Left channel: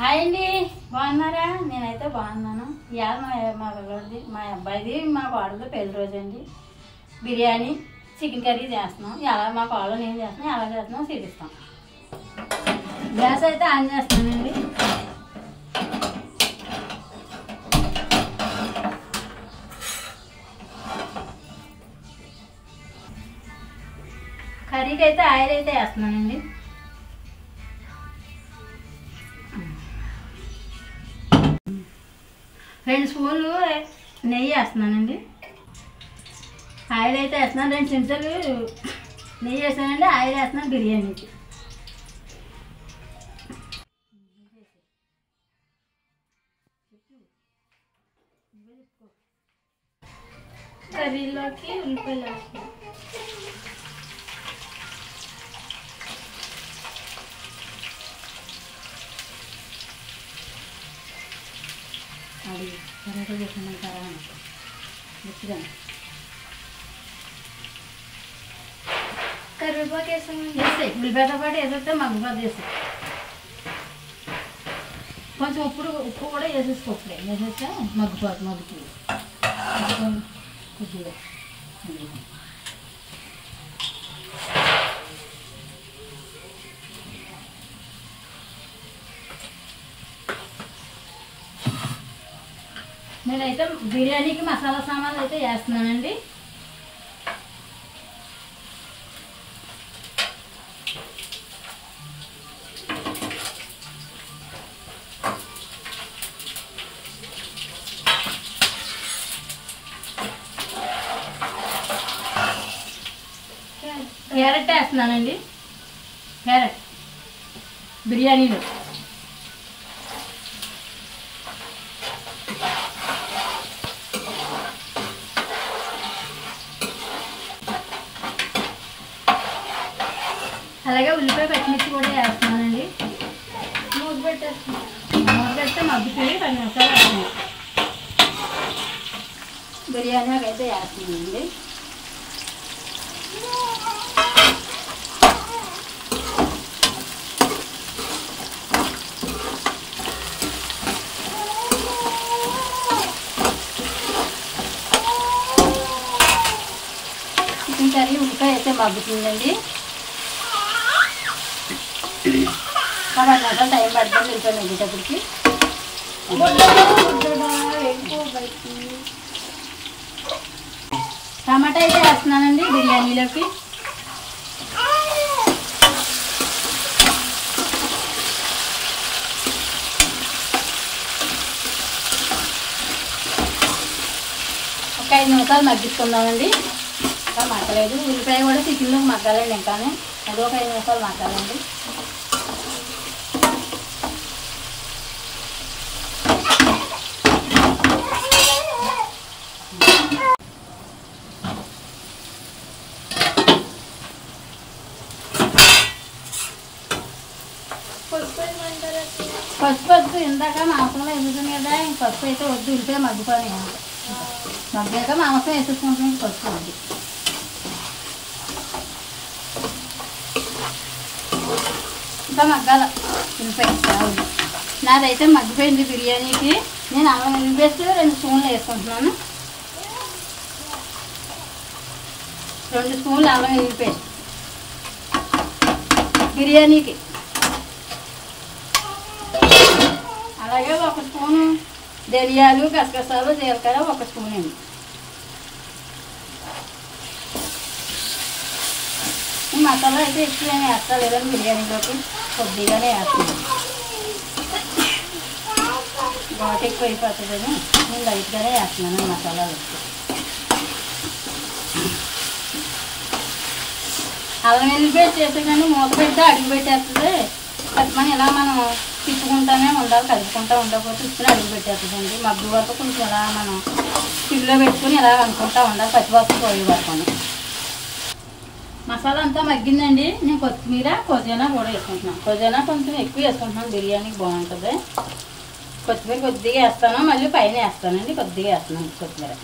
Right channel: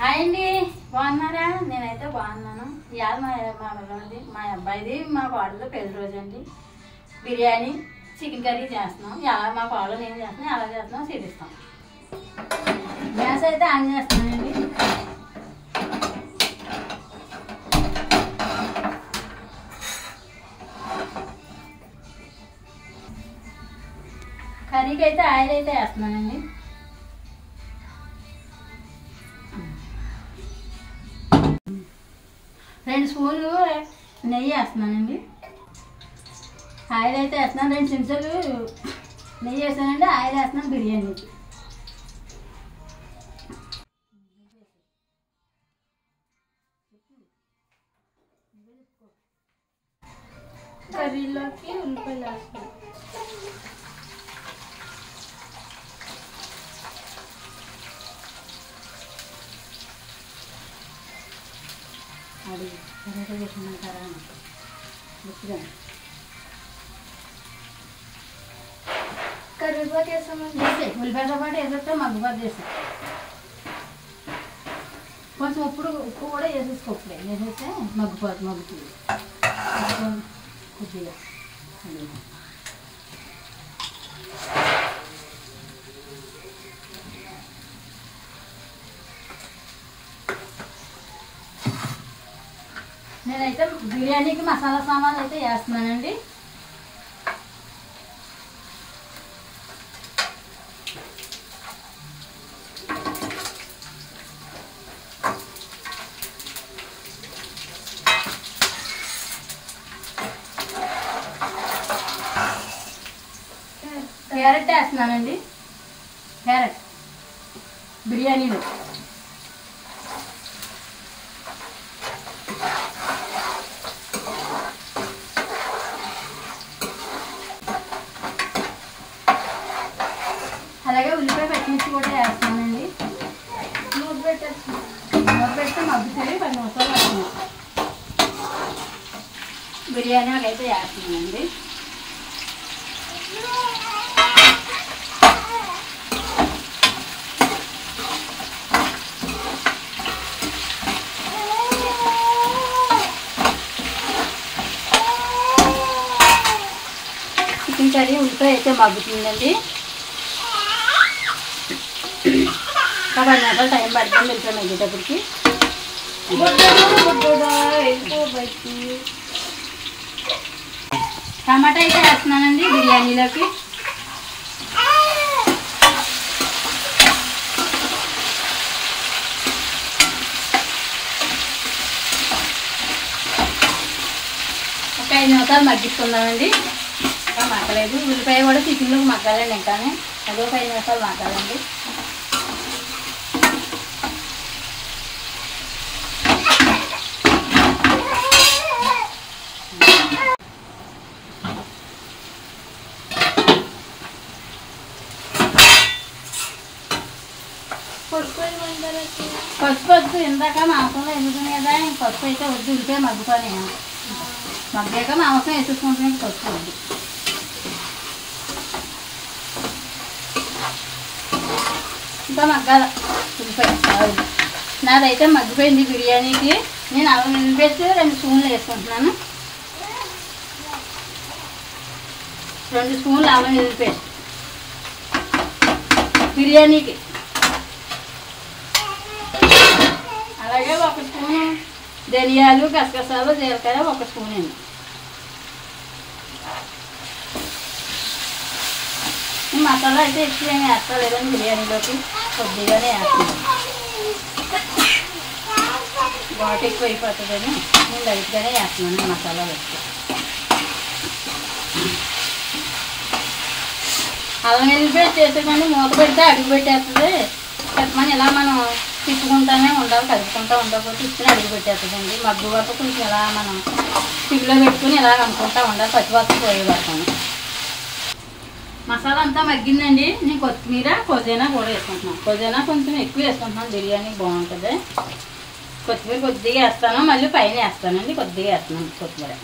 Hi అండి, బాగున్నారా? నేనైతే బాగున్నాను. ఇవాళ మా పిల్లడిది, మా అబ్బాయిది, మా కోడలు పెళ్లి రోజు అండి. బిర్యానీ, చికెన్ కర్రీ చేస్తున్నాం. ఎలా మా కోడలు నేను చేస్తున్నాం, ఎలా చేస్తున్నాం చూపిస్తాం. గ్యాస్ అయితే ఆన్ చేస్తానండి. కర్రీకి అయితే ఆయిల్ అయితే వేస్తున్నానండి. రెండు స్పూన్లు నెయ్యి వేస్తున్నానండి. ఆయిల్ అయితే వేస్తున్నాను. 2 చెంచాలు నెయ్యి వేస్తానండి. ఆయిల్ వేస్తున్నాను బిర్యానీకి. కర్రీలోకి ఉల్లిపాయలు వేస్తున్నాను. అది కరెక్ట్గా చేసుకున్నారా ముట్టుగా కరివేపాకు వేసామండి. వేస్తాయి ఉల్లిపాయతో పాటు వేసేస్తే మగ్గుబాటు చేసి కొంచెం ఉప్పు కూడా వేసేసుకోప్పుడే వేసేస్తే మగ్గుతుంది కొద్దిగా. నేనైతే బిర్యానీకి మసాలా సామాన్లు అయితే వేస్తున్నానండి. క్యారెట్ వేస్తున్నానండి. క్యారెట్ బిర్యానీలో అలాగే ఉల్లిపాయ పచ్చిమిర్చి కూడా వేస్తున్నానండి. మూత పెడితే మగ్గుతుంది. 10 నిమిషాలు వేస్తున్నాను. బిర్యానీ అయితే వేస్తున్నానండి. చికెన్ కర్రీ ఉల్లిపాయ అయితే మగ్గుతుందండి. 10 నిమిషాలు టైం పడుతుంది ఉల్లిపాయ మగ్గేటప్పటికి. టమాటా అయితే వేస్తున్నానండి బిర్యానీలోకి. ఒక 5 నిమిషాలు మగ్గిస్తున్నామండి. ఇంకా మగ్గలేదు. ఉల్లిపాయ కూడా చికెన్లో మగ్గాలండి. ఇంకానే అది ఒక 5 నిమిషాలు మగ్గాలండి. పసుపు వద్దు, ఇందాక మాంసంలో ఎందుకునే కదా. పసుపు అయితే వద్దు, ఉంటే మగ్గుకొని మగ్గాక మాంసం వేసుకుంటే పసుపు వద్దు. ఇంకా మగ్గాల ఉల్లిపాయ. నాదైతే మగ్గిపోయింది బిర్యానీకి. నేను అల్లం వెల్లుల్లి పేస్ట్ 2 స్పూన్లు వేసుకుంటున్నాను. 2 స్పూన్లు అల్లం వెల్లుల్లి పేస్ట్ బిర్యానీకి. అలాగే 1 స్పూను ధనియాలు, గసగసాలు, జీలకర్ర 1 స్పూన్ అండి. ఈ మసాలా అయితే ఎక్కువ ఏమి వేస్తలేదండి బిర్యానీలోకి, కొద్దిగానే వేస్తాను. ఘాటు ఎక్కువ అయిపోతుందని నేను లైట్గానే వేస్తున్నాను మసాలా వేస్తే. అల్లం వెల్లుల్లి పేస్ట్ చేసేదండి. మూత పెడితే అడుగు పెట్టేస్తుంది. మనం ఇలా మనం తిప్పుకుంటానే ఉండాలి, కలుపుకుంటూ ఉండకపోతే ఇచ్చిన అడుగు పెట్టేస్తుందండి. మగ్గు వరకు కొంచెం ఇలా మనం సిగ్గులో పెట్టుకుని ఇలా అనుకుంటూ ఉండాలి, పచ్చివాసన పోయే వరకు. మసాలా అంతా మగ్గిందండి. నేను కొత్తిమీర, పుదీనా కూడా వేసుకుంటున్నాను. పుదీనా కొంచెం ఎక్కువ వేసుకుంటున్నాను, బిర్యానీకి బాగుంటుంది. కొత్తిమీర కొద్దిగా వేస్తాను, మళ్ళీ పైన వేస్తానండి. కొద్దిగా వేస్తున్నాను కొత్తిమీర.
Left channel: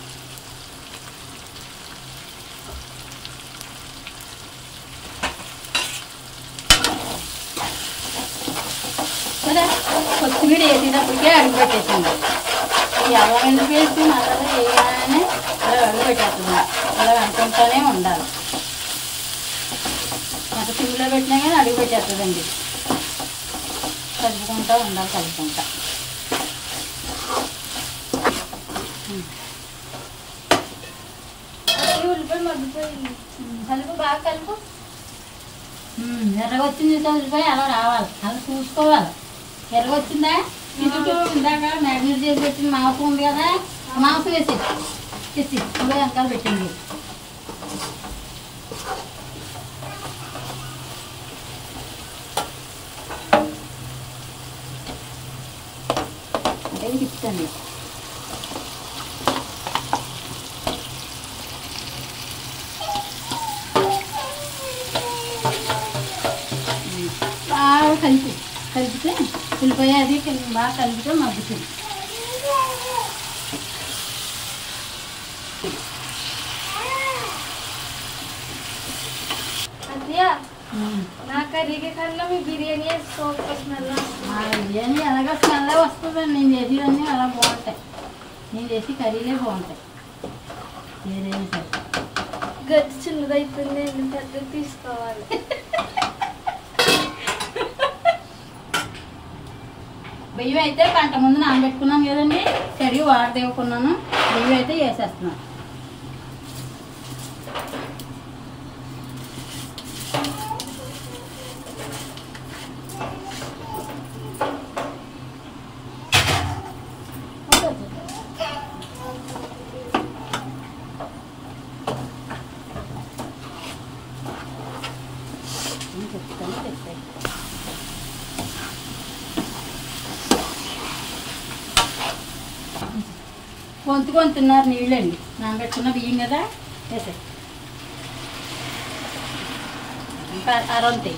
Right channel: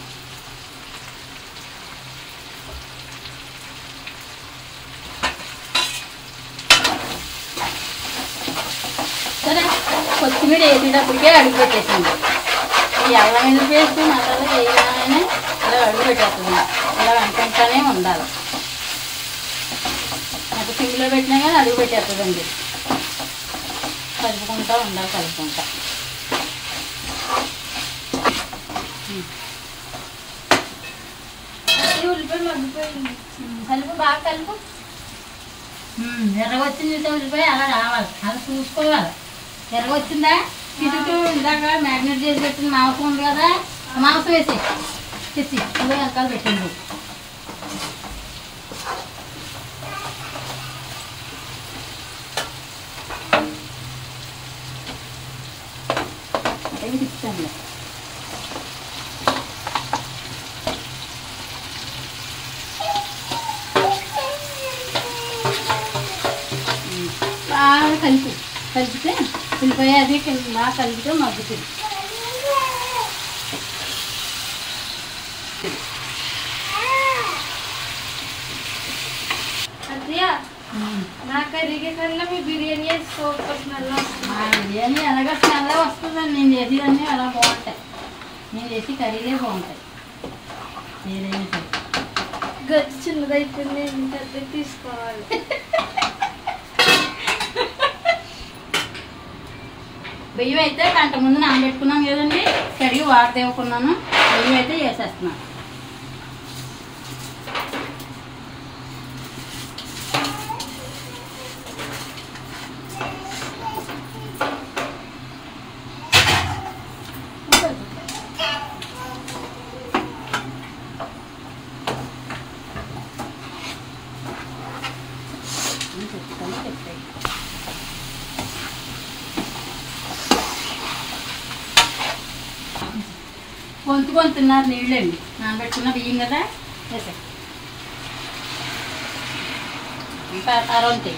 కొత్తిమీర వేసేటప్పటికే అడుగు పెట్టేసింది. ఈ అల్లం వెల్లుల్లి పేస్ట్ మసాలా వేయగానే ఇలా అడుగు పెట్టేస్తుంది. ఇలా వెంటనే ఉండాలి. ఎంత సిమ్లో పెట్టినా కానీ అడుగు పెట్టేస్తుందండి. కలుపుకుంటూ ఉండాలి, కలుపుకుంటా. కలుపు, బాగా కలుపు. ఎర్రగొచ్చింది చూసా ఉల్లిపాయ అలా రావాలి, అలా చూసుకోవాలి. ఎర్రగొచ్చిందా ఇటు ఇందాక మ్యారినేట్ చేసి పెట్టింది మాంసం ఉంది కదా, మాంసం వేసి ఇందులో వెనకాల పెట్టింది. అదే తిప్పుతాను. బాగా కలిపితే ఉల్లిపాయ అది బాగా కలిపితే మగ్గుతుంది. బిర్యానీ ఎలాగ స్మెల్ వస్తుందండి. నేను చేసేదన్నీ అలా బాగుంటాయి. నేను చేసి కర్రీలే బాగుంటాయి. ఏదైనా సరే గట్టి చిన్నదైపోయింది, పెద్దది తీసుకోవాలి. బియ్యం అయితే గంట ముందు నానబెట్టుకున్నాను కదండి, కడిగి వాటర్ దేవుకున్నాను. బియ్యం అయితే వేసేస్తున్నాను. కొంతున్నారు నీళ్ళండి, నానబెట్టుకున్న బియ్యం కదా వేసే ఇంకా అరవంతే.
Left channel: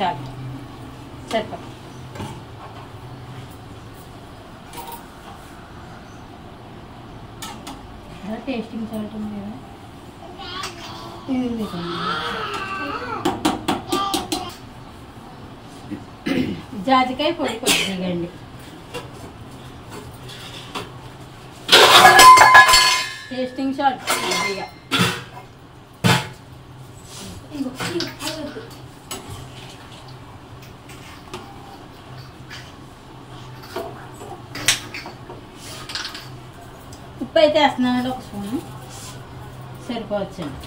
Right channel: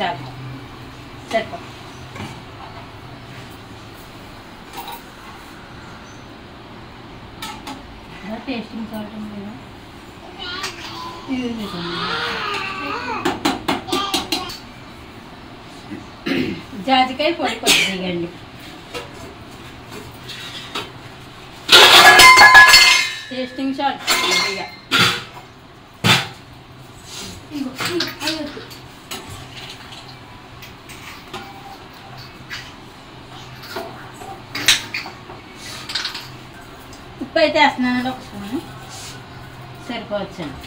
చాలు సరిపో. టేస్టింగ్ సాల్ట్ ఉంది కదా, జాజికాయ పొడి కొద్దిగండి. టేస్టింగ్ సాల్ట్ కొద్దిగా. ఉప్పు అయితే వేస్తున్నానండి, ఒక స్పూన్ సరిపోవచ్చండి.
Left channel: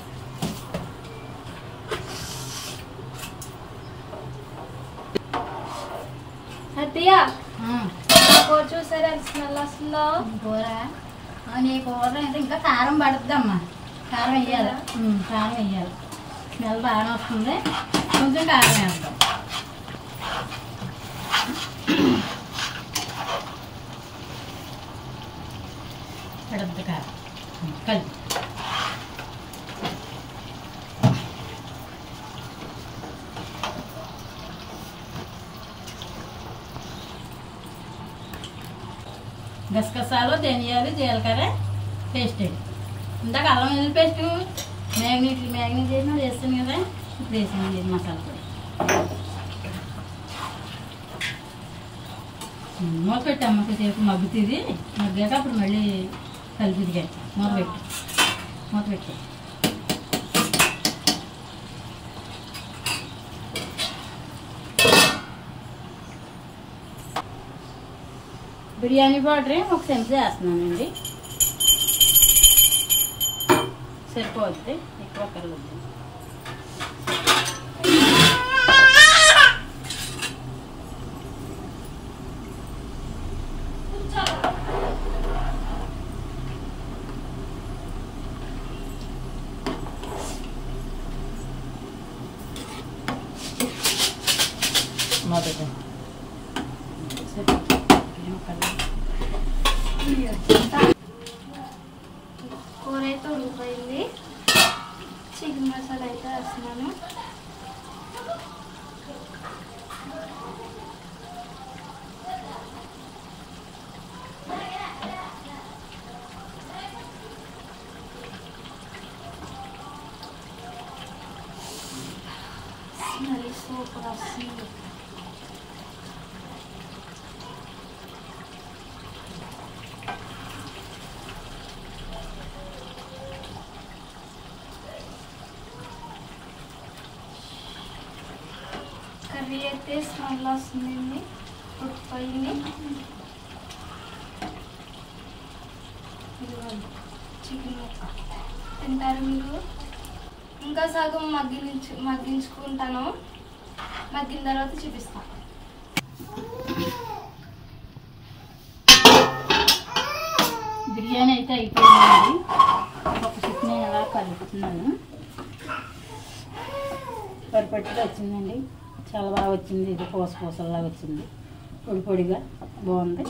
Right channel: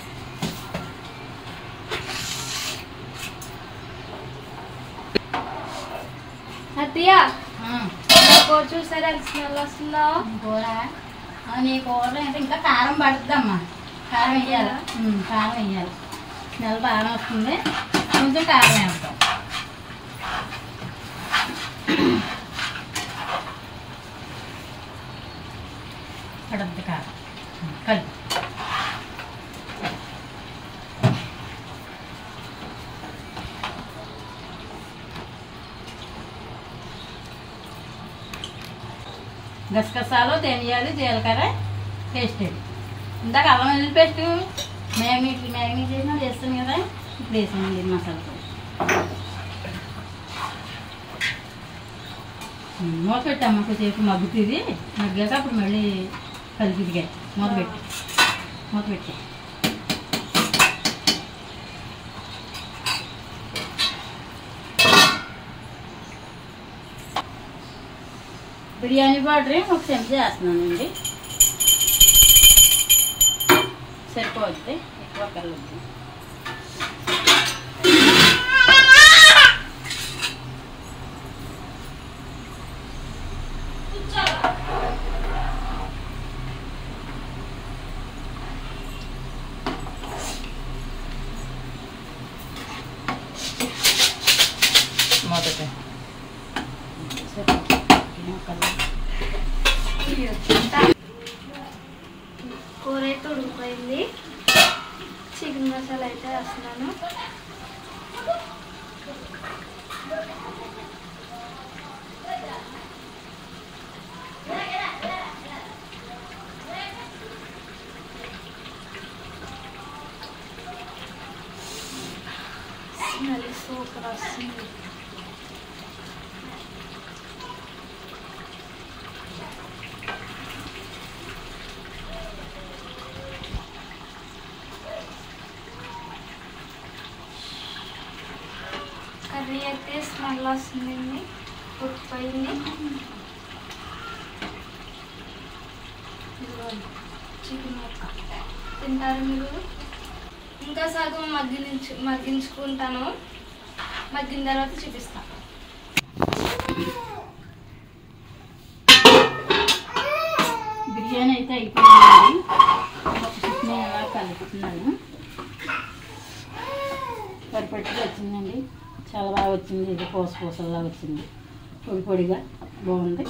అత్తయ్య కూర చూసారా స్మెల్ వస్తుందా? కూర నీ కూర అంటే ఇంకా కారం పడుతుందమ్మా. కారం వేయాలి, కారం వేయాలి. స్మెల్ బాగా వస్తుంది. కొంచెం కారం వేస్తాం. పడుతుంది కారం కలిపి. గసగసాలు, ధనియాలు, జీలకర్ర పేస్ట్. ఇందాక అల్లం వెల్లుల్లి పేస్ట్ మ్యాగ్నెట్ చేసిన వేస్తాను కదా, ఇప్పుడు వేసాను మసాలా పొడి. మూత పెట్టాము, సేపు మగ్గుతుంది. మగ్గాక అప్పుడు మళ్ళీ కలిపిదిగా మూత పెట్టి బిర్యానీ పౌడర్ ఒక చెంచా వేస్తున్నానండి. సరిపోద్ది, ఎక్కువ కలవద్దు. కూర అయితే ఉడికిపోయింది. చికెన్ మసాలా అయితే వేస్తున్నాను. సూపర్ వస్తుంది. కర్రీ అయితే స్మెల్ వస్తుందండి, ఉడికిపోయింది. చికెన్ ముక్క తింటారు మీరు? ఇంకా సగం మగ్గించుకుంటాను, మగ్గిన తర్వాత చూపిస్తాను. బిర్యానీ అయితే అయిపోయిందండి. ఒక చికెన్ అలా కలుపుతున్నాను. పర్ఫెక్ట్గా వచ్చిందండి, చాలా బాగా వచ్చింది. ఇది పూసలా వచ్చింది, పొడి పొడిగా బాగుంది.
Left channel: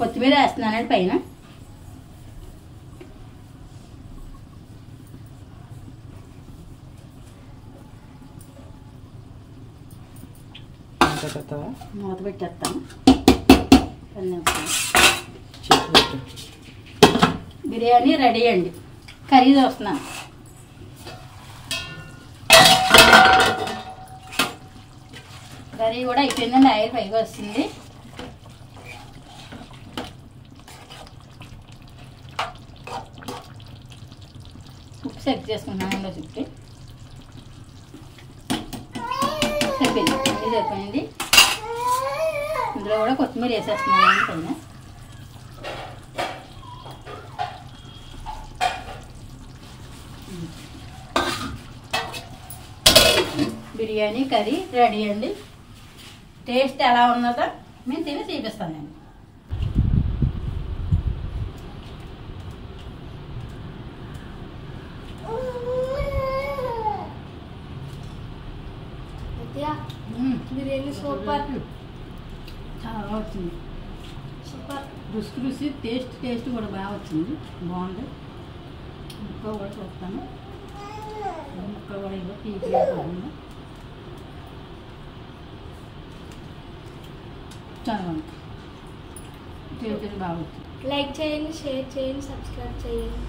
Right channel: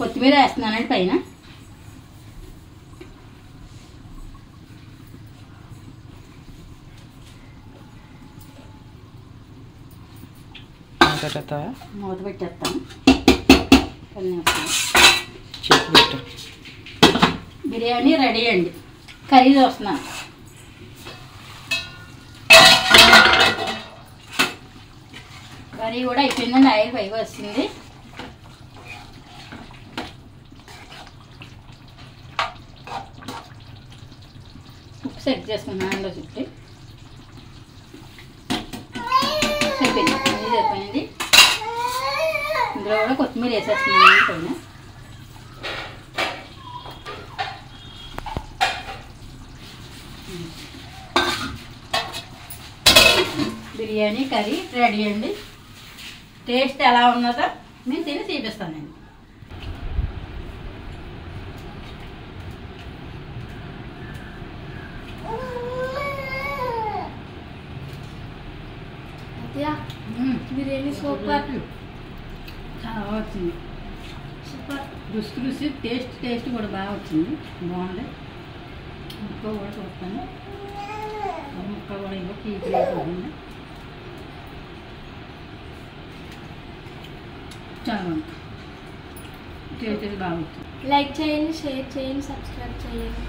కొత్తిమీర వేస్తున్నానండి పైన. మూత పెట్టేస్తాను. బిర్యానీ రెడీ అండి. కర్రీ చూస్తున్నాను. కర్రీ కూడా అయిపోయిందండి, ఆయిల్ పైగా వస్తుంది. ఉప్పు సెట్ చేసుకున్నాను అందులో చుట్టి. సరిపోయింది. ఇందులో కూడా కొత్తిమీర వేసేస్తున్నాను పైన. బిర్యానీ కర్రీ రెడీ అండి. టేస్ట్ ఎలా ఉన్నదో మేము తిని చూపిస్తానండి. బిర్యానీ సూపర్, చాలా బాగా వచ్చింది. సూపర్ రుచి టేస్ట్ కూడా బాగా వచ్చింది, బాగుంది. ముక్క కూడా చూస్తాను. ముక్క కూడా ఇవ్వ పీకులు పోతుంది, చాలా బాగుంది. టేస్ట్ బాగా వచ్చింది. లైక్ చేయండి, షేర్ చేయండి, సబ్స్క్రైబ్ చేయండి.